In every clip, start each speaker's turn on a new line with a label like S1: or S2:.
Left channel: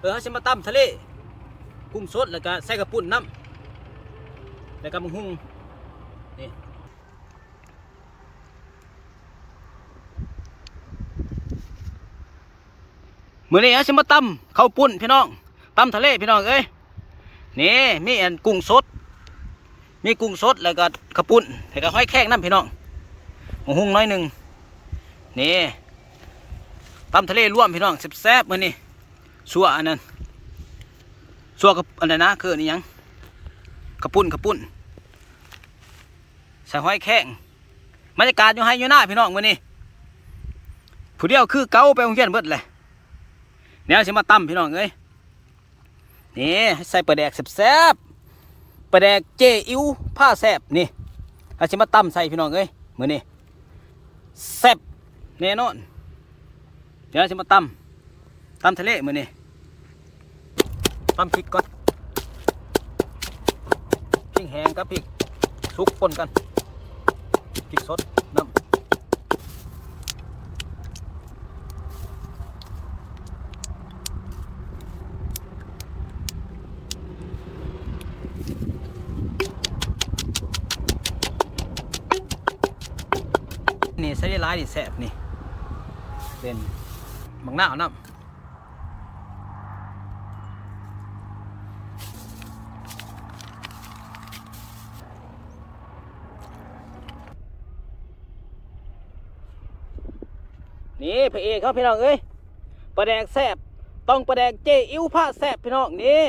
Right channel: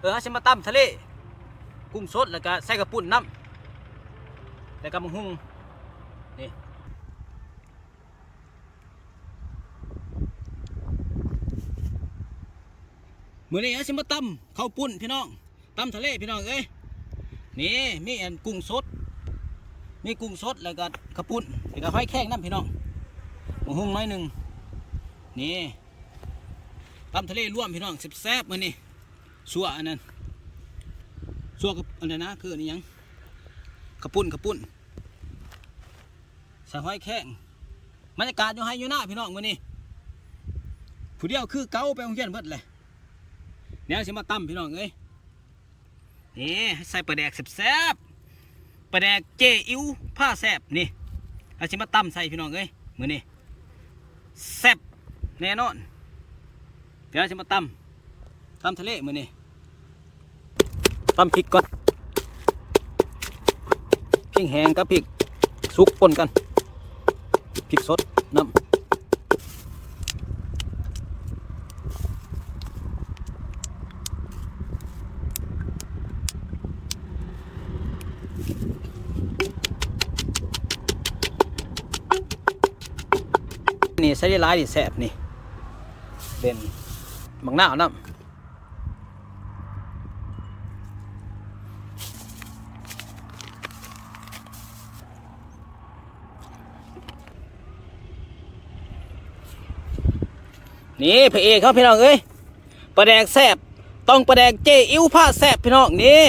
S1: เออเขาจะมาตำทะเล กุ้งสดแล้วก็ใส่กระปุ่นน้ำแล้วก็มังหุงนี่มื้อนี้เขาจะมาตำข้าวปุ้นพี่น้องตำทะเลพี่น้องเอ้ยนี่มีอันกุ้งสด มีกุ้งสดแล้วก็กระปุ่นแล้วก็ห้อยแข้งน้ำพี่น้องมังหุงน้อยหนึ่งนี่ตำทะเลร่วมพี่น้องแซ่บๆมื้อนี้ สัวอันนั้นสัวกับอันนั้นนะคืออนนี่ยังกระปุ่นกระปุ่นใส่ห้อยแข้งบรรยากาศอยู่ให้อยู่หน้าพี่น้องมื้อนี้ผู้เดียวคือเก่าไปโรงเรียนเบิดเลยเนี่ยวสิมาตำพี่น้องเอ้ยนี่ใส่ปลาแดกแซ่บๆปลาแดกเจอิ๋วผ้าแซ่บนี่เอาสิมาตำใส่พี่น้องเอ้ยมือนี้แซ่บแน่นอนเดี๋ยวสิมาตำตำทะเลมือนี้ ตำพริกก่อนพริกแห้งกับพริกสุกปนกันพริกสดน้ำนี่ใส่ได้หลายนี่แซ่บนี่เป็นบังหน้าวน้ำ นี่พระเอกเขาพี่น้องเอ้ยปลาแดกแซบต้องปลาแดกเจอิ้วผ้าแซบพี่น้องนี่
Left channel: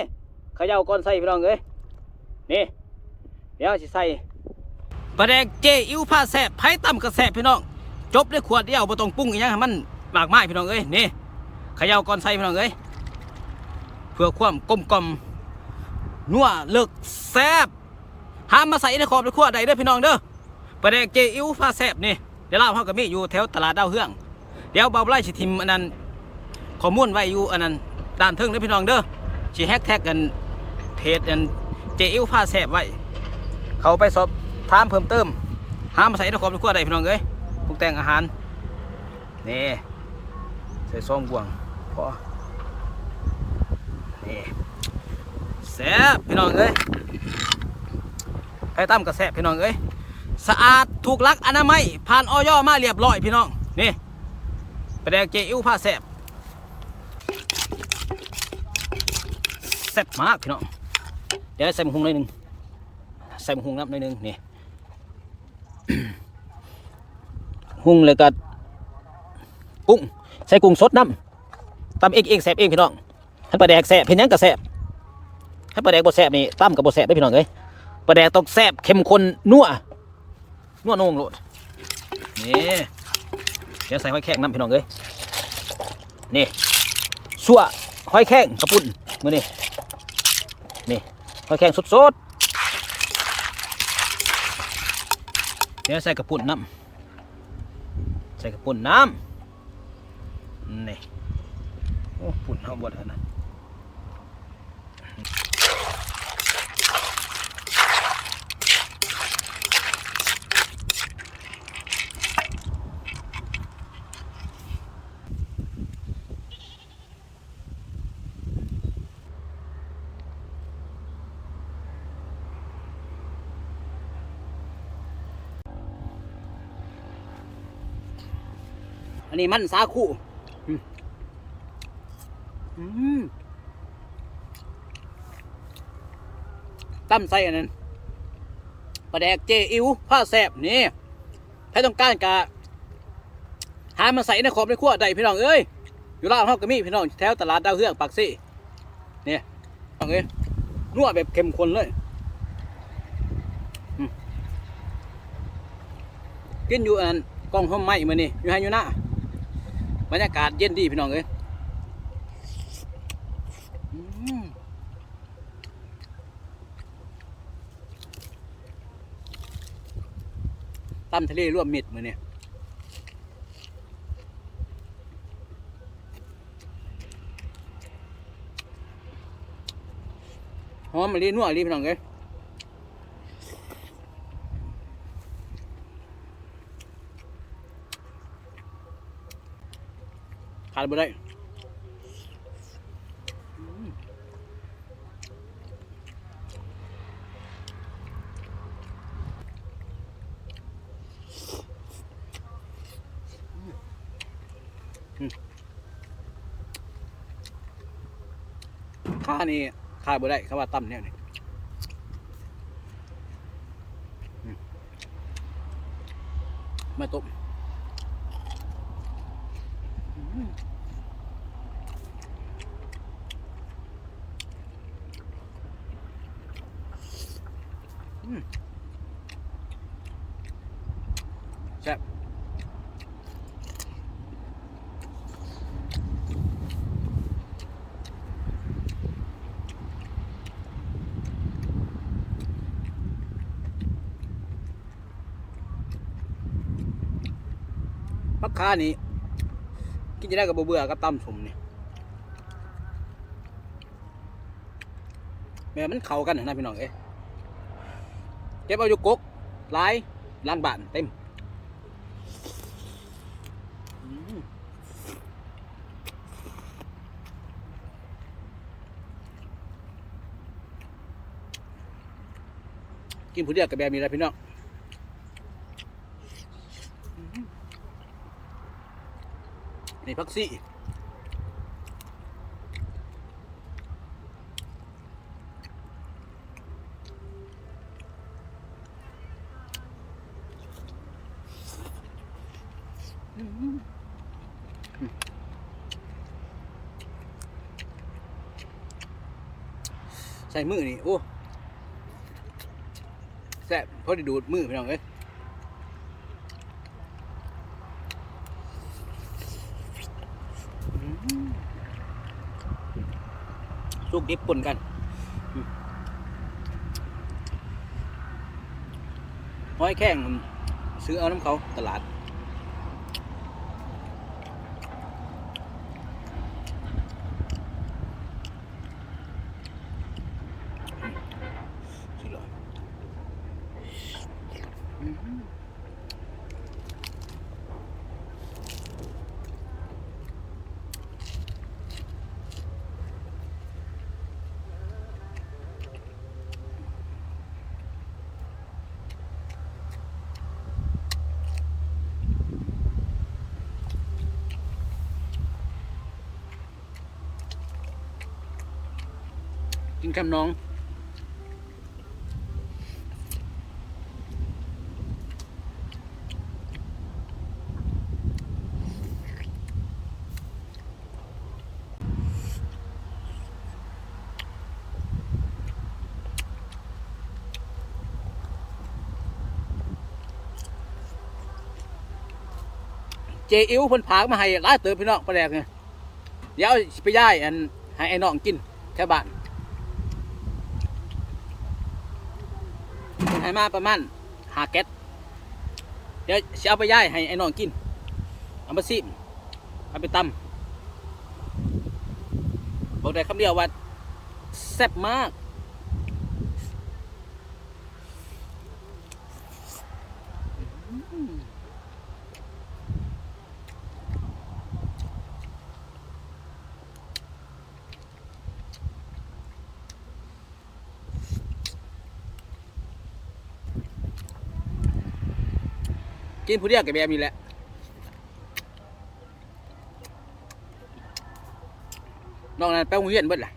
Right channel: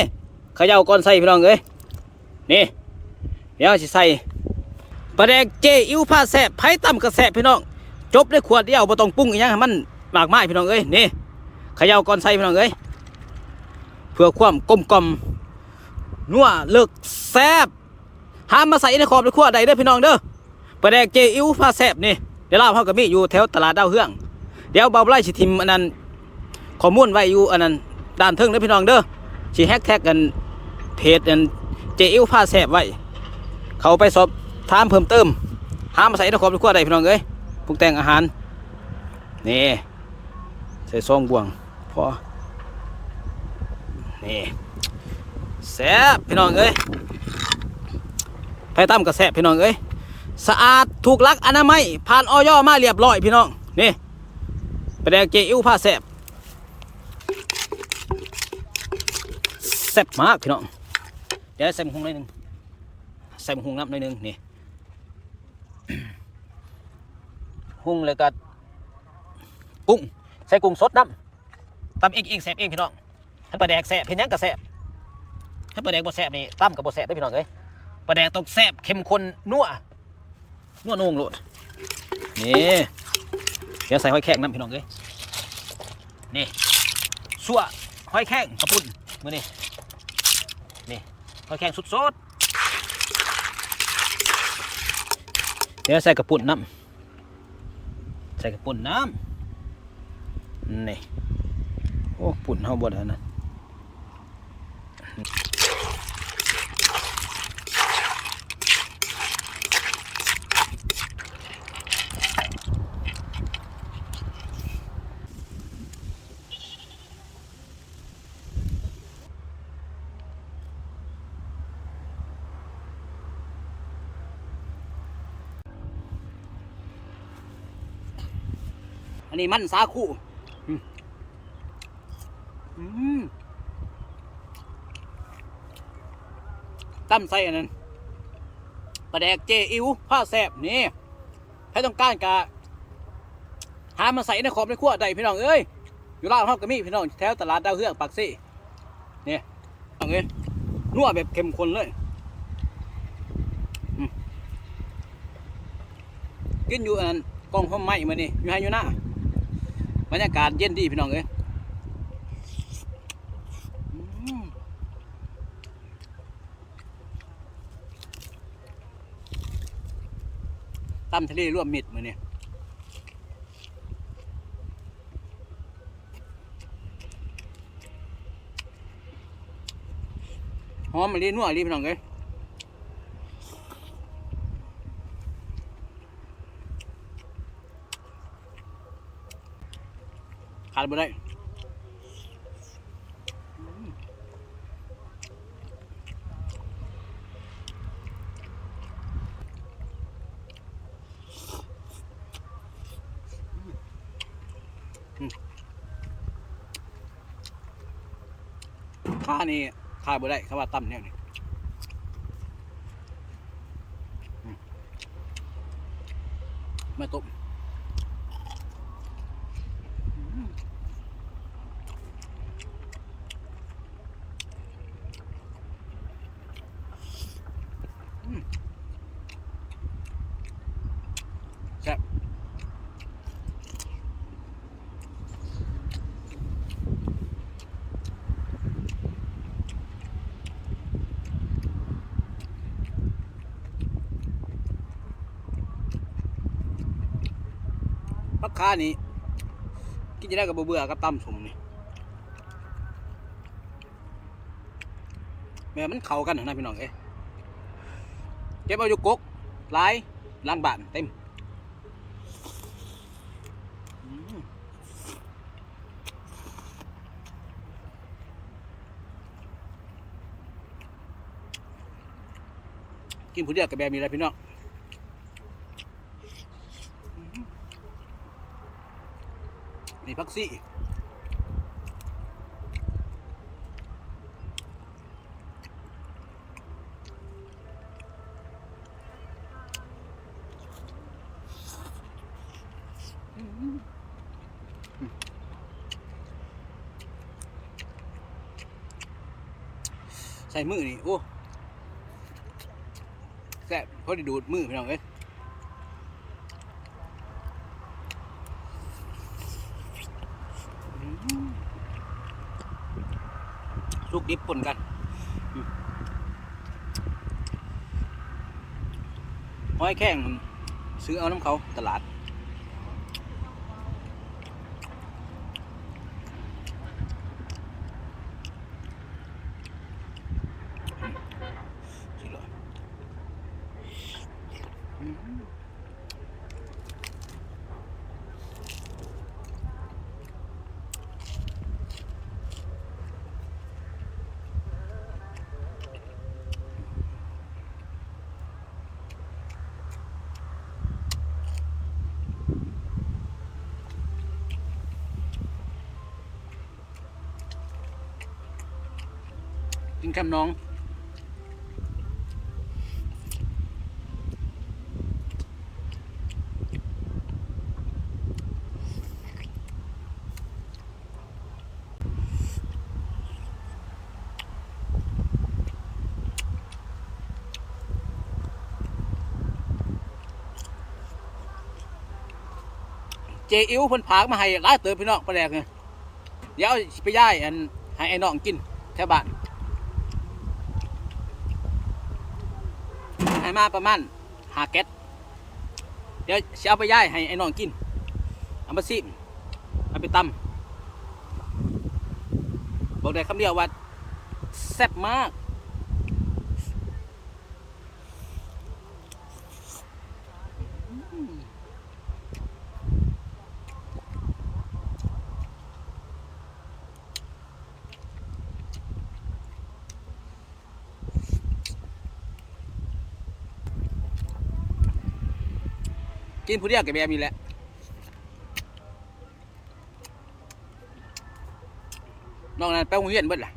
S1: เขย่าก่อนใส่พี่น้องเอ้ยนี่เดี๋ยวสิใส่ปลาแดกเจอิ้วผ้าแซบไผ่ต่ำกระแซบพี่น้องจบด้วยขวดเดียวบ่ต้องปรุงอีกยังมันมากมายพี่น้องเอ้ยนี่เขย่าก่อนใส่พี่น้องเอ้ยเพื่อความกลมกล่อมนัวเลิกแซบห้ามมาใส่ในขอบในขวดใดเด้อพี่น้องเด้อปลาแดกเจอิ้วผ้าแซบนี่เดี๋ยวเล่าเขากับมีอยู่แถวตลาดดาวเฮือง เดี๋ยวเบาไล่สิทิมอันนั้นข้อมูลไว้อยู่อันนั้นด้านเทิงเด้อพี่น้องเด้อสิแฮกแท็กกันเพจอันเจอิวผ้าแสบไว้ เขาไปสอบถามเพิ่มเติม หามาใส่ในครอบในครัวได้พี่น้องเอ้ยปรุงแต่งอาหาร นี่ ใส่ซองบวงพอ นี่แซ่บพี่น้องเอ้ยไผ่ตั้มก็แซ่บพี่น้องเอ้ย สะอาดถูกลักอนามัยผ่านออยมาเรียบร้อยพี่น้อง นี่ ไปแดงเจอิ้วผ้าแซบแซ่บมากพี่น้องเดี๋ยวใส่หมกหุงหน่อยนึงใส่หมกหุงน้ำหน่อยนึงนี่หุงเลยก็กุ้งใส่กุ้งสดน้ำตำเองเองแซ่บเองพี่น้องถ้าปลาแดกแซ่บเพียงนั้นก็แซ่บถ้าปลาแดกบ่แซ่บนี่ตั้มกับบ่แซ่บได้พี่น้องเอ้ยปลาแดกต้องแซ่บเข้มข้นนัวนัวโหนงโลดนี่ เดี๋ยวใส่หอยแข้งน้ำพี่น้องเอ้ยนี่สัวหอยแข้งกระปุ่นมือนี่นี่หอยแข้งสดๆเดี๋ยวใส่กระปุ่นน้ำใส่กระปุ่นน้ำนี่โอ้ปุ่นเฮาบดแล้วนะ อันนี้มันสาคูอืมอืมตั้มใส่อันนั้นปลาแดกเจอิวผ้าแสบนี่ถ้าต้องการกะหามาใส่ในขอบในขั้วได้พี่น้องเอ้ยอยู่ล่าวเฮาก็มีพี่น้องแถวตลาดดาวเฮืองปากซี่นี่พี่น้องเอ้ยนัวแบบเข้มข้นเลยอืมกินอยู่อันนั้นกล้องห้อมไม้มานี่อยู่ให้อยู่หน้า บรรยากาศเย็นดีพี่น้องเอ้ยอืมทะเลร่วมมิดมือเนี่ยหอมมะลินัวรีพี่น้องเอ้ย ขาดไม่ได้ค่านี่ข้าบ่ได้ค่าว่าตั้มเนี่ยนี่มาตุ้ม พักค้านี่กินจะได้กับเบื่อๆกับตั้มสมนี่แม่มันเข้ากันนะพี่น้องเอ้เก็บเอาอยู่กกหลายล้างบานเต็มอืมกินผู้เดียวกับแบบนี้แหละพี่น้องอืม นี่พักซี่ใส่มือนี่ โอ้แซ่บพอได้ดูดมือพี่น้องเอ้ยอืมุกดิบปนกันห้อยแข้งซื้อเอาน้ำเขาตลาด สิเหรออืม กินคำน้อง เจอิ๋วเพิ่นพากมาให้หลายเติบพี่น้องปลาแดกเนี่ยเดี๋ยวไปย่ายอันให้ไอ้น้องกินแถวบ้านเพิ่น ให้มาประมาณหาแก๊สเดี๋ยวสิเอาไปย่ายให้ไอ้น้องกิน เอามาซิมเอาไปตำบอกได้คำเดียวว่าแซ่บมาก กินผู้เดียวกับแบบนี้แหละนอกนั้นไปโรงเรียนเบิดล่ะ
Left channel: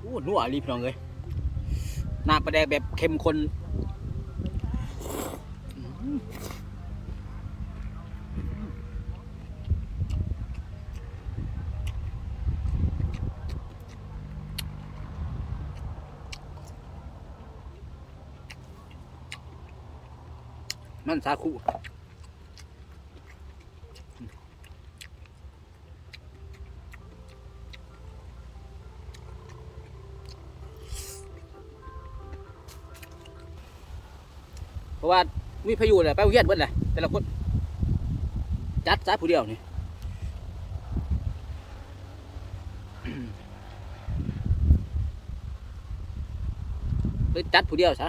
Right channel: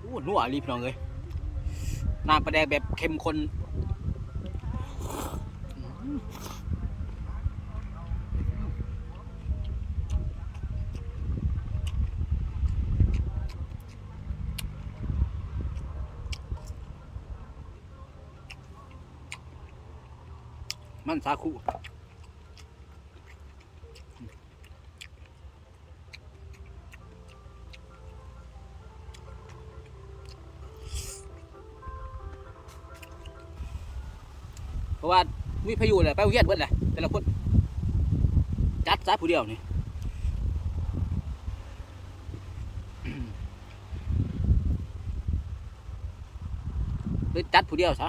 S1: โอ้นัวรีพี่น้องเลยน้ำปลาแดกแบบเข้มข้น มันสาคูเพราะว่า มีพายุเลยไปโรงเรียนเบิดแหลยแต่ละคนจัดซะผู้เดียวนี่ไปจัดผู้เดียวซะ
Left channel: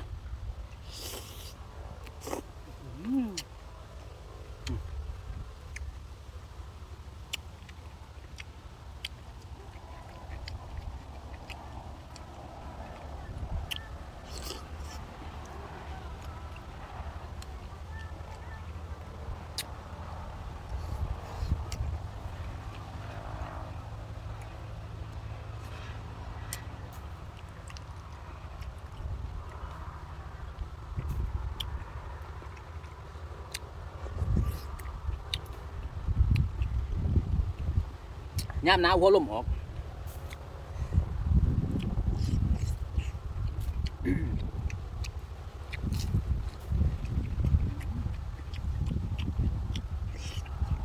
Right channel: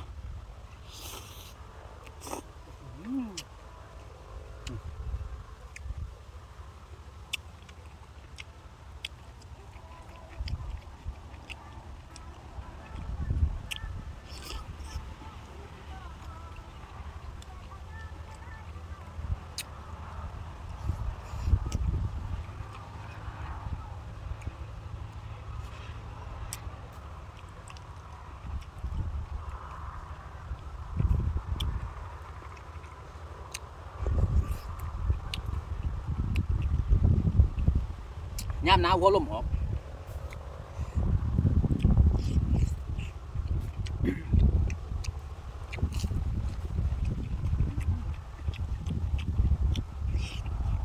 S1: ย่ามหนาวหัวลมออก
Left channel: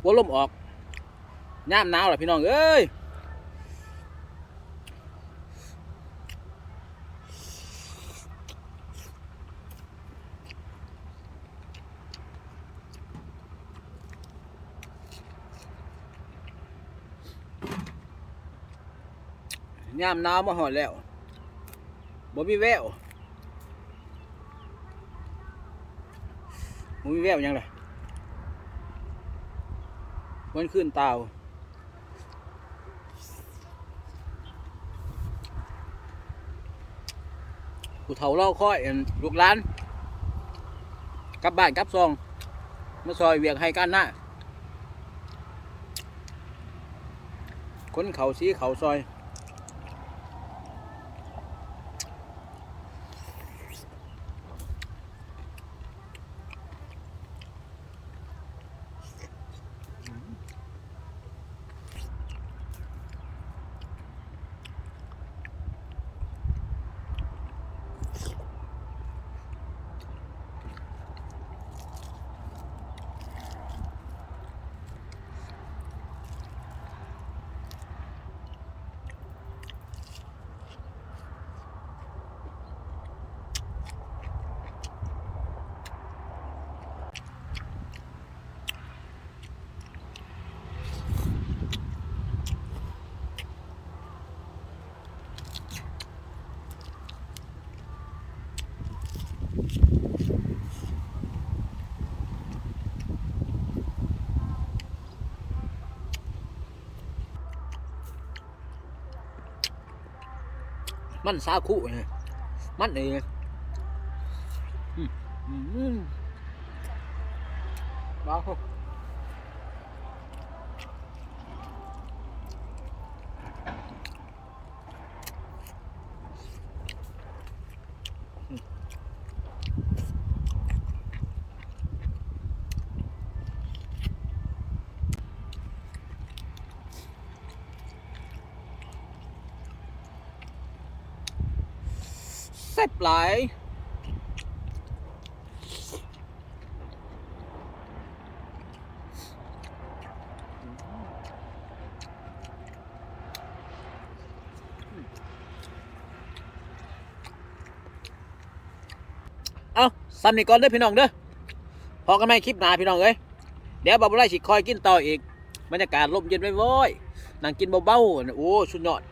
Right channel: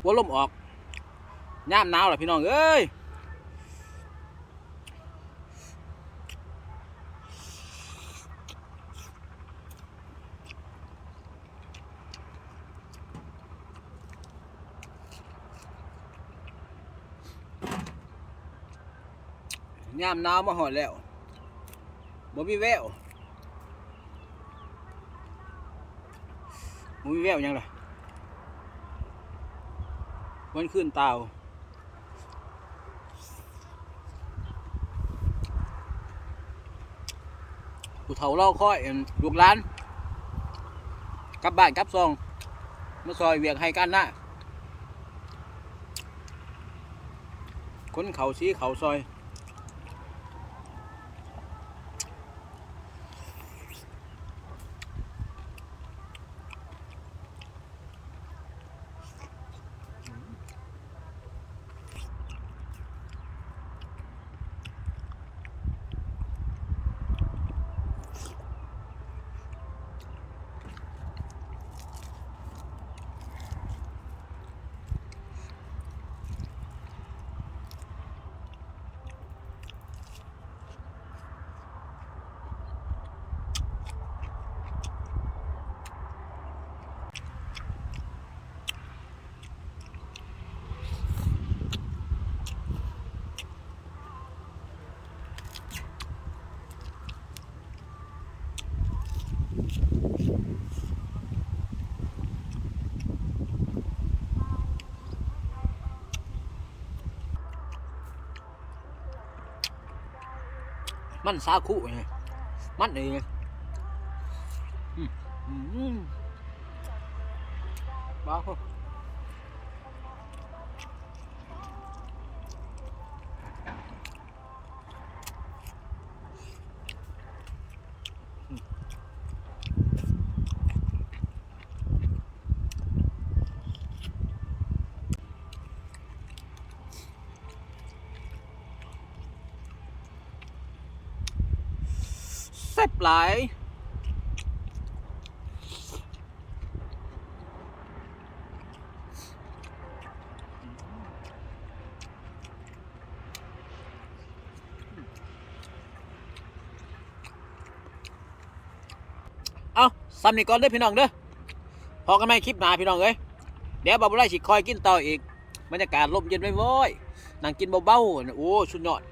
S1: หัวลมออกย่ามหนาวล่ะพี่น้องเอ้ย ยามหนาวมาหอดแล้วบ่มีแววบ่มีแววยังเลยวันขึ้นเตาผู้เฒ่าเล่าค่อยลูกหลานกลับบ้านกลับซองมาซอยเวียกให้กันนะคนเขาสีเขาซอย มันสาคุไงมันเองอืมอืมบ้า ซ่บหลายเอาซ้ำนี่ก่อนเด้อพี่น้องเด้อพอกันไหมคลิปหนาพี่น้องเอ้ยเดี๋ยวบาบุไรสิคอยกินต่ออีก บรรยากาศลมเย็นไว้ๆนั่งกินเบาๆโอ้สุดยอด